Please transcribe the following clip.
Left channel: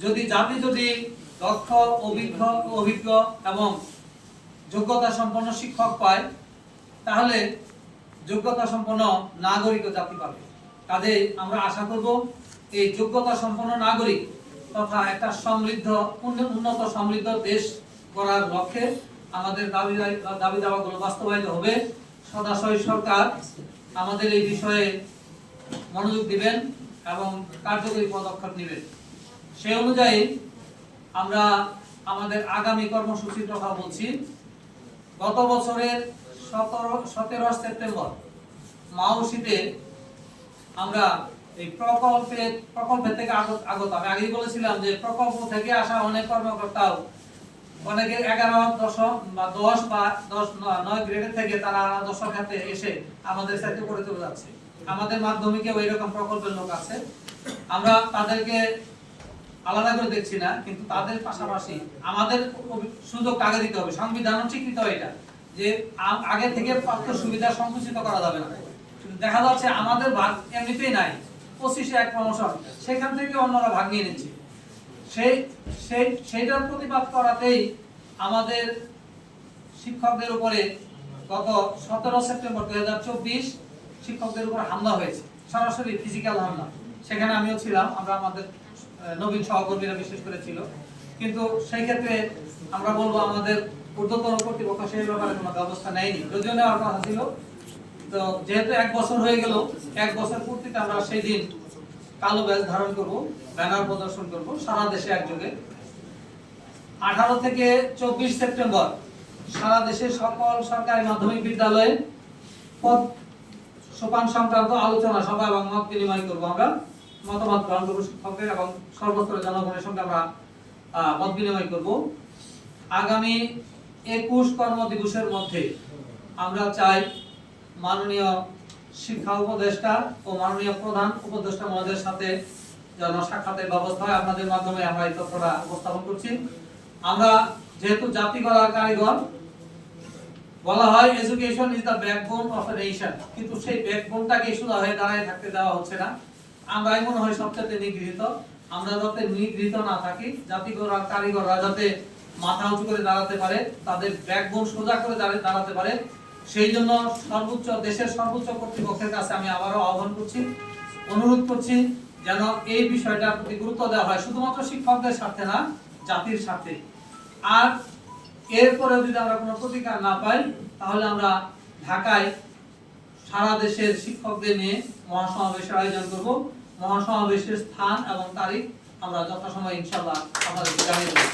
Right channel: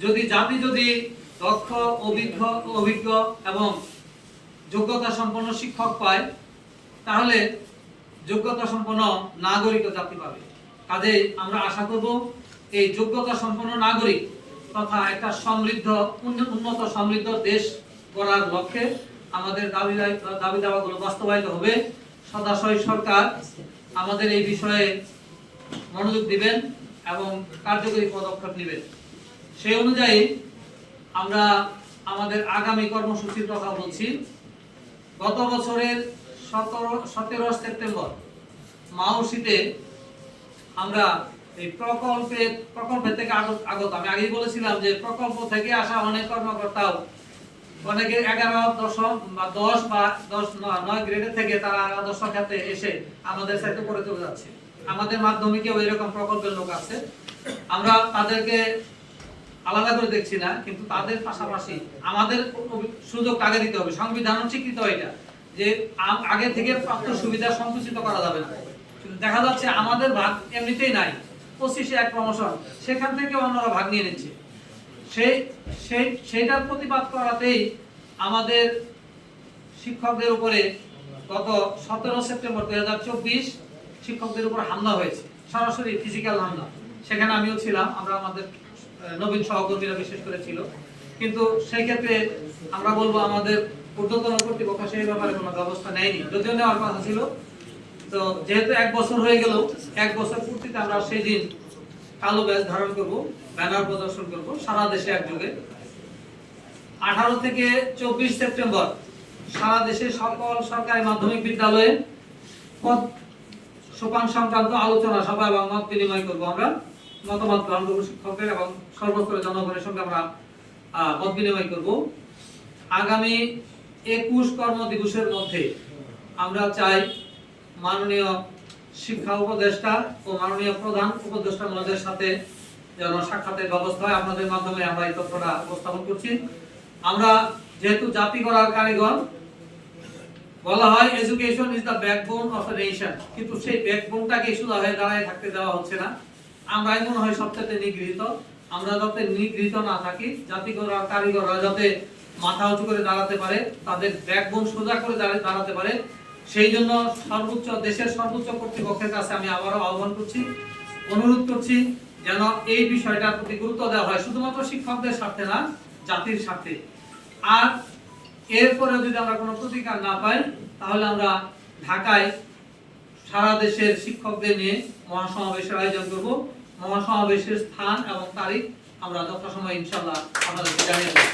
যদি জাতি যদি দক্ষ অভিজ্ঞ অভিজ্ঞ এবং যোগ্যতা সম্পন্ন শিক্ষক পায়, তাহলে যোগ্যতা সম্পন্ন নাগরিক ও জাতি পাবে। কাজেই আমরা আশা করব, এই যোগ্যতা সম্পন্ন নাগরিক তথা একটা সমৃদ্ধ উন্ন- উন্নত সমৃদ্ধ দেশ করার লক্ষ্যে আমাদের দাবি- দাবি দাওয়াগুলো বাস্তবায়িত হবে। সদাশয় সরকার আমাদের এই বিষয়ে মনোযোগ দিবেন এবং কার্যকরী পদক্ষেপ নেবেন। সেই অনুযায়ী আমরা আমাদের আগামী কর্মসূচির কথা বলছি। গত বছরের সতেরো সতেরো সেপ্টেম্বর মাউসিতে আমরা এই প্রকল্পে, প্রকল্পের থেকে আগত আগত। আমি আগেই বলেছিলাম যে প্রকল্প থেকে আসা অনেক কর্মকর্তাও অনেকে এগারো দশম বা দশ বা দশ, নয় গ্রেডের থেকে তারা দশ খাতে এসে আমাদের সাথে করে চলে যাচ্ছে। আমাদের মাধ্যমিকেও এরকম প্রকল্পের লোক আছে। আমরা তাদেরকে আলাদা করে দেখছি না, কিন্তু তাদের পাশাপাশি আমাদের সুযোগ আগে দিতে হবে? সংবিধান স্বীকৃত এটা? যে আগে থেকে প্রাপ্ত সুবিধা সংকুচিত করা যাবে না। কিন্তু দেখা যাচ্ছে আমাদের ভাগ এমনিতেই নাই। পঁচিশে এক প্রমোশন সেখান থেকে অন্যরা ভাগ নিয়ে নিচ্ছে। সেই সেই, সেইটার প্রতিবাদ করাতেই আমাদের শিক্ষকদের উপরে গত সতেরো সেপ্টেম্বর দুই হাজার চব্বিশ শিক্ষকদের উপর হামলা হয়েছে। সরাসরি ফিজিক্যাল হামলা। সেখানে আমিও ছিলাম। আমরা আমাদের নবীন সহকর্মীরা বিশেষ করে ছিল কিন্তু সেই ক্ষেত্রে আমরা বলব আমাদের ঊর্ধ্বতন কর্তৃপক্ষ সেই ব্যাপারে কোনো ব্যবস্থা নেয়নি। যদিও নেওয়ার কথা ছিল। তো যেহেতু এক বছর হয়ে গেল, এক বছর পূর্তিতে আমরা সেই দিন কালো ধারণ করব, ব্যানার প্রদর্শন করব, সারা দেশে একযোগে। আঠারো থেকে চব্বিশ সেপ্টেম্বর সারা দেশে সকল সরকারি মাধ্যমিক বিদ্যালয়ে পদ সোপান সংক্রান্ত আলোচনা সভা এবং মত বিনিময় করব আমরা। মতামত গ্রহণ করব শিক্ষকদের এবং সর্বস্তরের জনগণের সঙ্গে আমরা মত বিনিময় করব। আগামী একুশ কর্ম দিবসের মধ্যে আমরা চাই মাননীয় শিক্ষা উপদেষ্টা ও মাননীয় প্রধান উপদেষ্টা মহোদয়ের সাথে যেন সাক্ষাতের ব্যবস্থা হয়। আপনাদের মাধ্যমে আমরা এই তথ্যটা উপস্থাপন করছি। আমরা যেহেতু জাতি গড়ার কারিগর, বলা হয় education is the backbone of a nation কিন্তু সেই ব্যাকবোনটাকে সোজা হয়ে দাঁড়ায় থাকতে দেওয়া হচ্ছে না। আমরাই মনে হয় সবচেয়ে নিগৃহীত। আমরা যাতে নিগৃহীত না থাকি গড়ার কারিগররা যাতে মাথা উঁচু করে দাঁড়াতে পারে, তাদের ব্যাকবোন সোজা করে দাঁড়াতে পারে, সেই জন্য সর্বোচ্চ দেশের সর্বোচ্চ কর্তৃপক্ষের কাছে আমি আবারও আহ্বান করছি, অনুরোধ করছি যেন এই বিষয়টার প্রতি গুরুত্ব দেওয়া হয়, শুধুমাত্র শিক্ষকদের স্বার্থে না, জাতির স্বার্থে। আর এরপরেও যদি আমরা কোনো প্রতিকার না পাই, তাহলে আমরা ঢাকায় সারা দেশের শিক্ষকদের নিয়ে মহাসমাবেশের আয়োজন করব। মহাসমাবেশের স্থান এবং তারিখ আমরা যথাসময় ইনশাল্লাহ আপনাদেরকে জানিয়ে দেবো।